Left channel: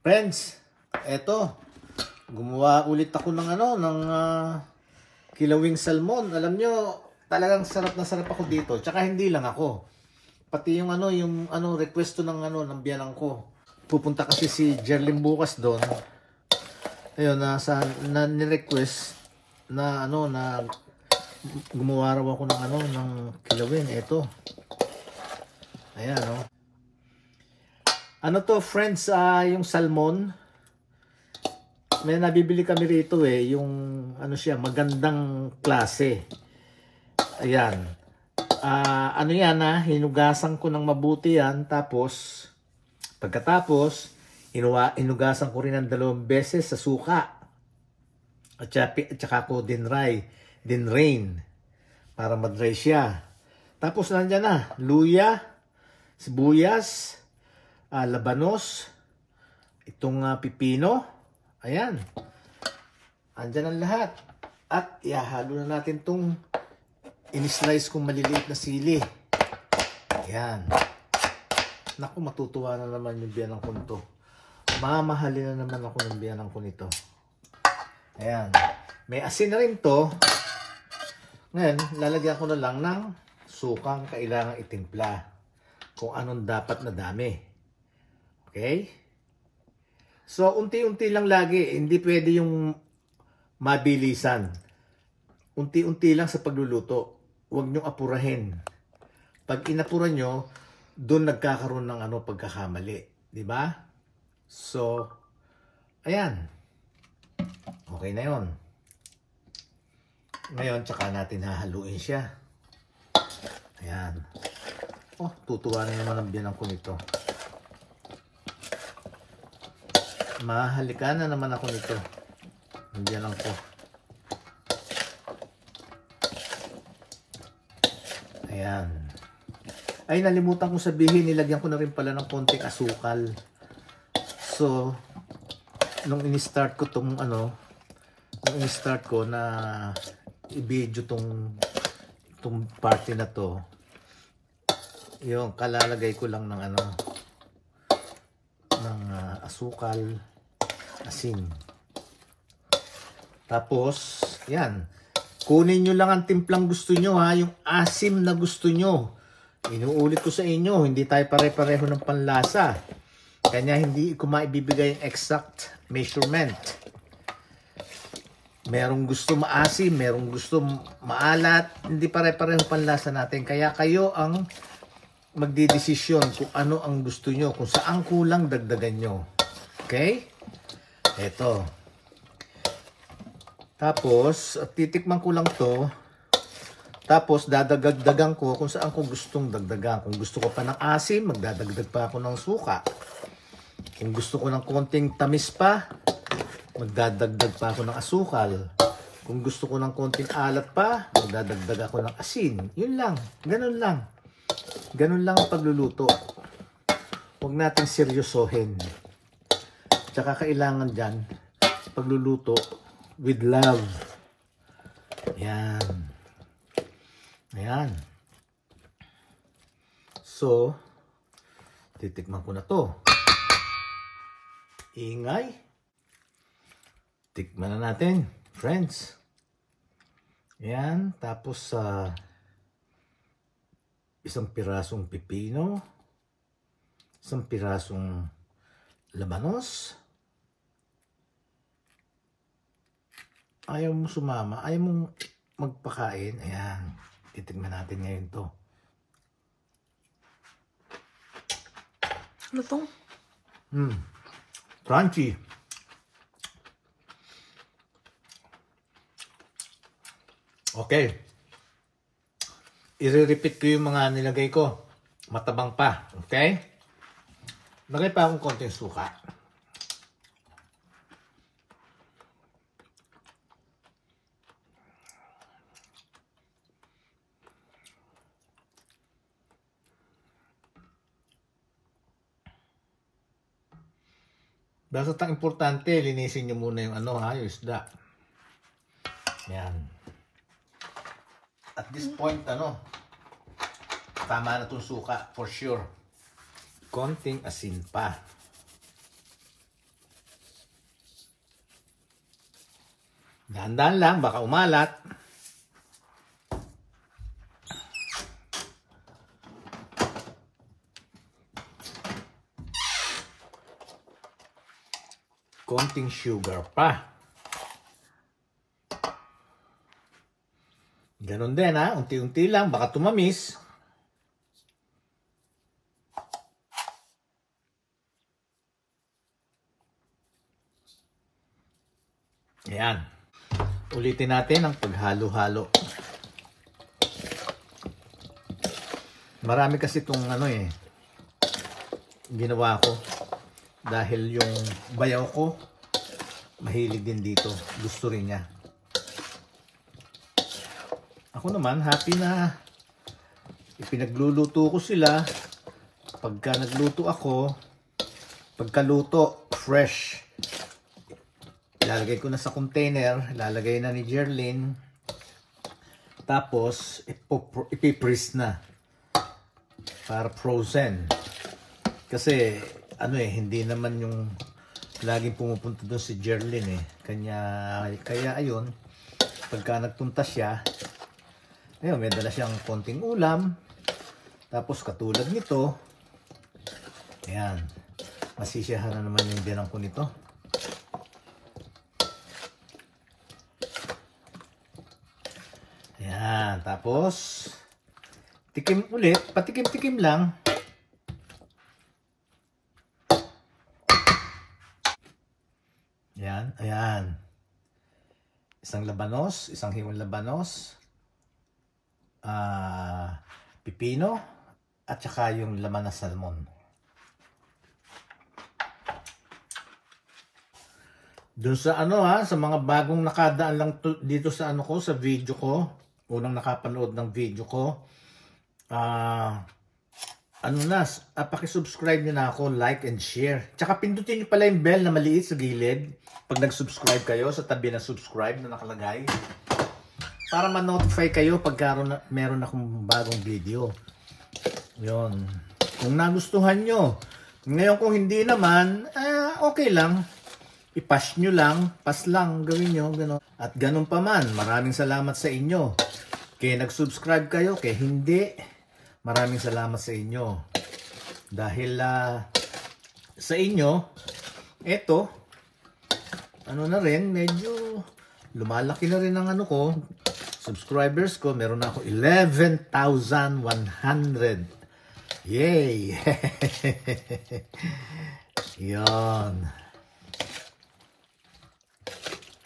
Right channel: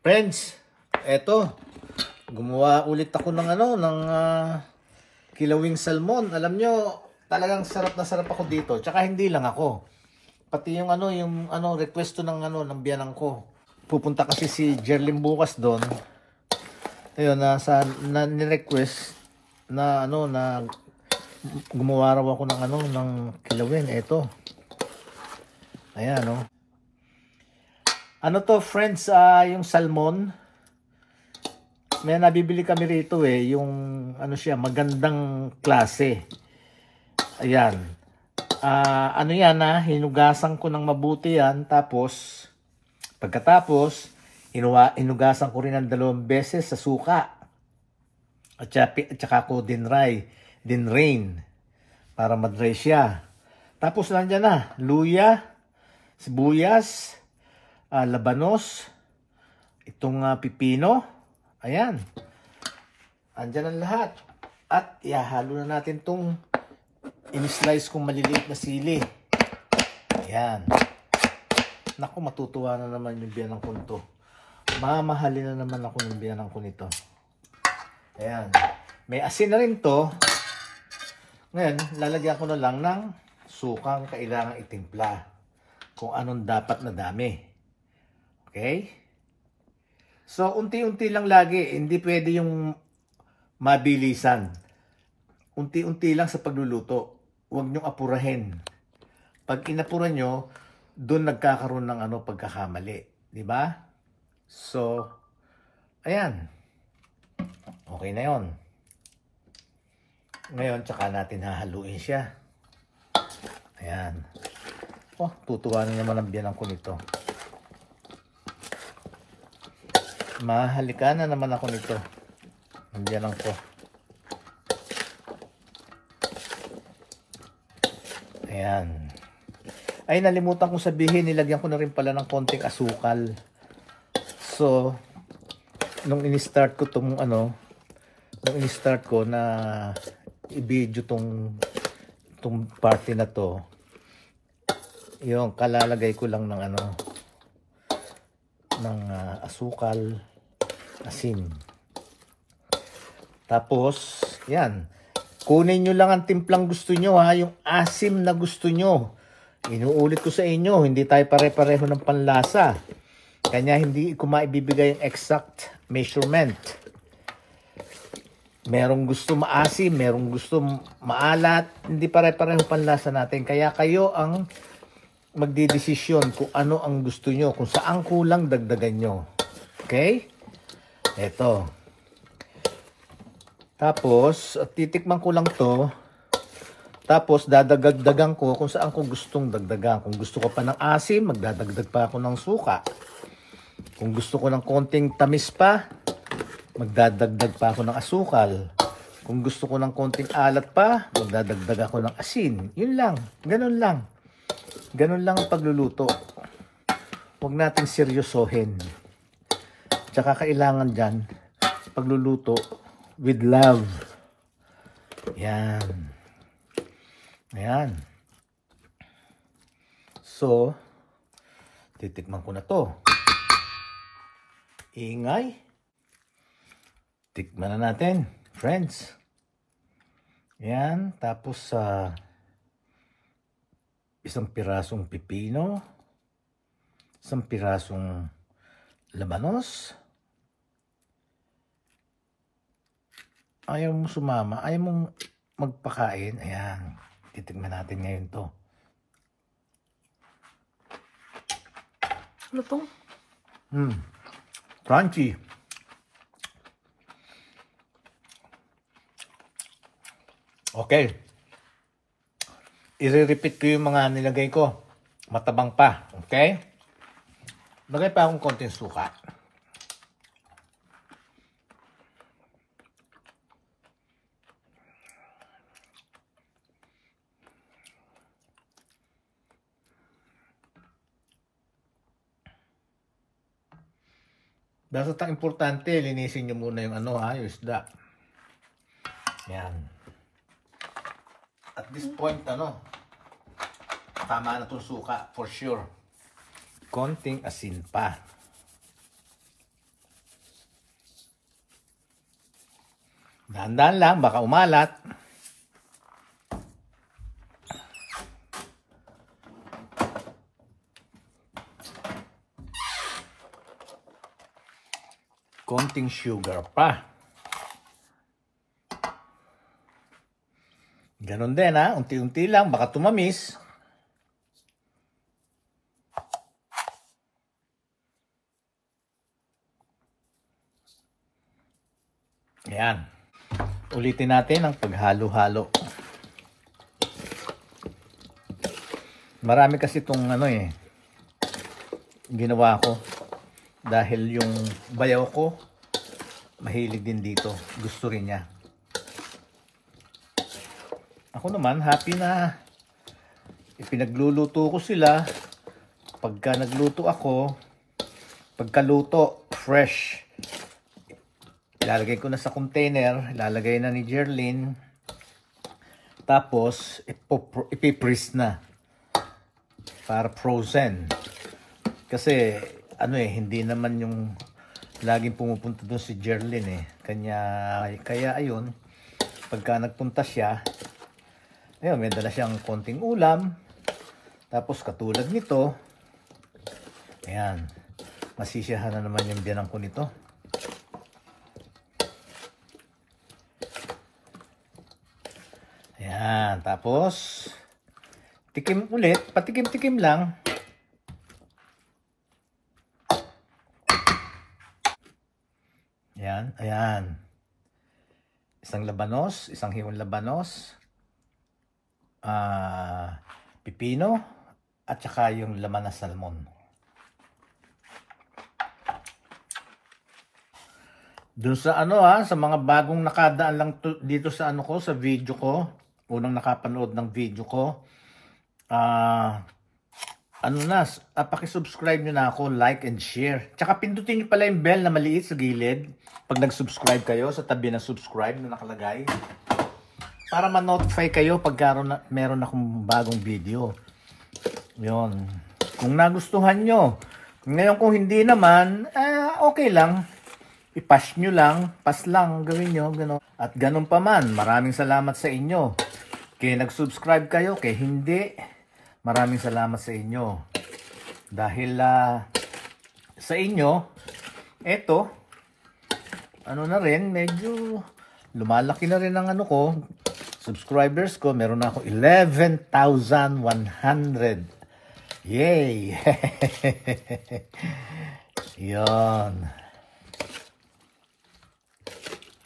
Friends, eto, gumawa ulit ako ng kilawing salmon. Alam nyo, talagang sarap na sarap ako dito. Tsaka hindi lang ako. Pati yung request to ng biyanan ko. Pupunta kasi si Jerlyn bukas doon. Ayun, ni-request na gumawa raw ako ng kilawin. Eto. Ayan, oh. Ano to, friends, yung salmon. May nabibili kami rito yung magandang klase. Ayan. Yan hinugasan ko ng mabuti yan. Tapos, pagkatapos, inugasan ko rin ng 2 beses sa suka. At saka ko dinrain para madry siya. Tapos nandiyan na, luya, sibuyas, labanos, itong pipino. Ayan. Andyan ang lahat. At ihahalo na natin itong in-slice kong maliliit na sili. Ayan. Naku, matutuwa na naman yung biyanan ko nito. Mamahalin na naman ako ng biyanan ko nito. Ayan. May asin na rin to. Ngayon, lalagyan ko na lang ng sukang kailangan itimpla. Kung anong dapat na dami. Okay? So, unti-unti lang lagi. Hindi pwede yung mabilisan. Unti-unti lang sa pagluluto. Huwag nyo apurahin. Pag inapura nyo, doon nagkakaroon ng pagkakamali. Diba? So, ayan. Okay na yon. Ngayon, tsaka natin hahaluin siya. Ayan. Oh, tutuwa rin naman ang biyanan ko nito. Mahalika na naman ako nito. Ang biyanan ko. Ayan. Ay, nalimutan kong sabihin, nilagyan ko na rin pala ng konting asukal. So, nung in-start ko na i-video tong party na to, yung kalalagay ko lang ng asukal, asin. Tapos, yan. Kunin nyo lang ang timplang gusto nyo, yung asim na gusto nyo. Inuulit ko sa inyo, hindi tayo pare-pareho ng panlasa. Kanya hindi ko maibibigay yung exact measurement. Merong gusto maasim, merong gusto maalat. Hindi pare-pareho panlasa natin. Kaya kayo ang magdidesisyon kung ano ang gusto nyo. Kung saan kulang, dagdagan nyo. Okay? Eto. Tapos, titikman ko lang to. Tapos, dadagdagan ko kung saan ko gustong dagdagan. Kung gusto ko pa ng asim, magdadagdag pa ako ng suka. Kung gusto ko ng konting tamis pa, magdadagdag pa ako ng asukal. Kung gusto ko ng konting alat pa, magdadagdag ako ng asin. Yun lang. Ganun lang. Ganun lang ang pagluluto. Huwag natin seryosohin. Tsaka kailangan dyan, pagluluto, with love. Yan. Ayan. So, titikman ko na to. Ingay. Tikman na natin, friends. Yan. Tapos isang pirasong pipino. Isang pirasong labanos. Ayaw mo sumama. Ayaw mo magpakain. Ayan. Titignan natin ngayon to. Ano to? Crunchy. Okay. I-repeat ko yung mga nilagay ko. Matabang pa. Okay? Lagay pa akong konting suka. Basta ang importante, linisin nyo muna yung yung isda. Yan. At this point, tama na itong suka, for sure. Konting asin pa. Dahan-dahan lang, baka umalat. Konting sugar pa. Ganon din ha, unti-unti lang, baka tumamis. Ayan. Ulitin natin ang paghalo-halo. Marami kasi itong ginawa ko. Dahil yung bayaw ko, mahilig din dito. Gusto rin niya. Ako naman, happy na ipinagluluto ko sila. Pagka nagluto ako, pagkaluto, fresh. Ilalagay ko na sa container, ilalagay na ni Jerlyn. Tapos, ipipris na. Para frozen. Kasi, hindi naman yung laging pumupunta doon si Jerlyn Kaya ayun, pagka nagpunta siya, ayun, may dala siyang konting ulam. Tapos katulad nito, ayan, masisiyahan na naman yung diyan ko nito. Ayan, tapos tikim ulit, patikim-tikim lang. Ayan, ayan. Isang labanos, isang himong labanos, pipino, at saka yung laman na salmon. Dun sa sa mga bagong nakadaan lang dito sa sa video ko, unang nakapanood ng video ko, paki-subscribe nyo na ako, like and share. Tsaka pindutin nyo pala yung bell na maliit sa gilid pag nag-subscribe kayo, sa tabi na subscribe na nakalagay. Para ma-notify kayo pag meron akong bagong video. Yun. Kung nagustuhan nyo. Ngayon kung hindi naman, okay lang. I-pass nyo lang. Pass lang. Gawin nyo. Ganun. At ganun pa man, maraming salamat sa inyo. Kaya nag-subscribe kayo, kaya hindi. Maraming salamat sa inyo. Dahil sa inyo, eto, na rin, medyo lumalaki na rin ang subscribers ko. Meron na ako 11,100. Yay! Yun.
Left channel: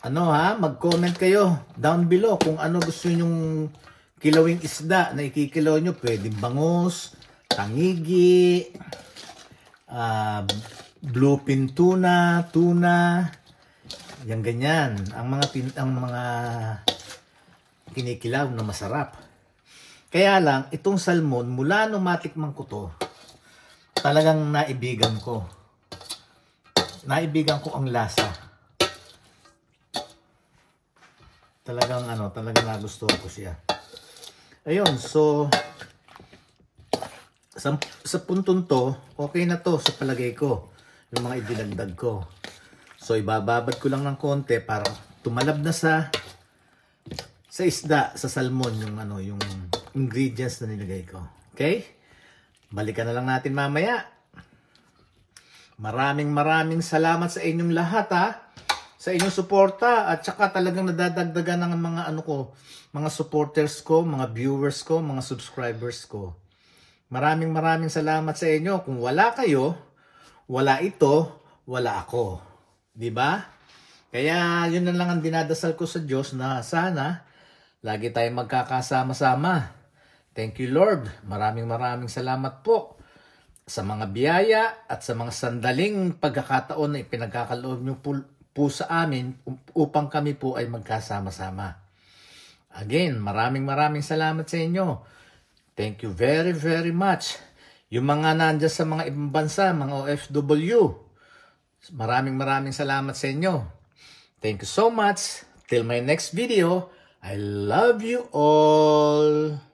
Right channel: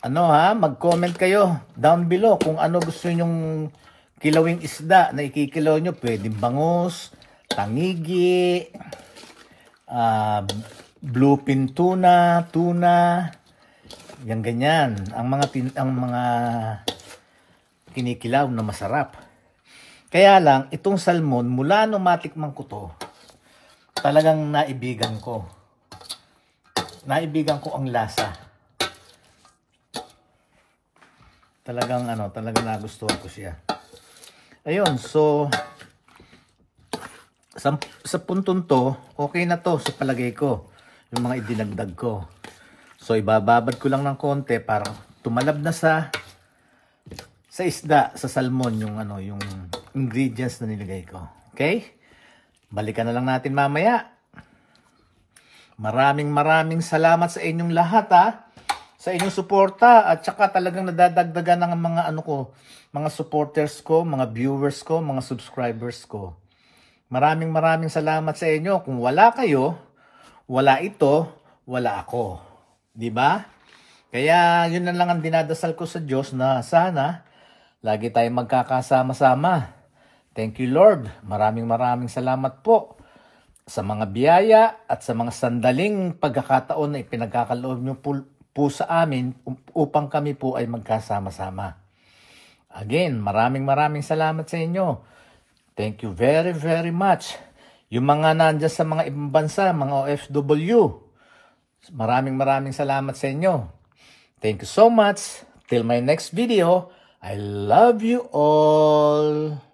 Mag-comment kayo down below kung ano gusto nyong kilawing isda na ikikilaw nyo. Pwedeng bangus, tangigi, bluefin tuna, yan ganyan. Ang mga kinikilaw na masarap. Kaya lang, itong salmon, mula nung matikman ko to, talagang naibigan ko. Naibigan ko ang lasa. Talagang nagustuhan ko siya. Ayun, so sa puntong to, okay na to sa palagay ko. Yung mga idinagdag ko. So ibababad ko lang ng konti para tumalab na sa isda, sa salmon yung ingredients na nilagay ko. Okay? Balikan na lang natin mamaya. Maraming salamat sa inyong lahat sa inyong suporta, at saka talagang nadadagdagan ng mga mga supporters ko, mga viewers ko, mga subscribers ko. Maraming salamat sa inyo. Kung wala kayo, wala ito, wala ako. 'Di ba? Kaya yun na lang ang dinadasal ko sa Diyos, na sana lagi tayong magkakasama-sama. Thank you, Lord. Maraming salamat po sa mga biyaya at sa mga sandaling pagkakataon na ipinagkakaloob niyo po sa amin upang kami po ay magkasama-sama. Again, maraming salamat sa inyo. Thank you very much. Yung mga nandiyan sa mga ibang bansa, mga OFW, maraming salamat sa inyo. Thank you so much. Till my next video, I love you all.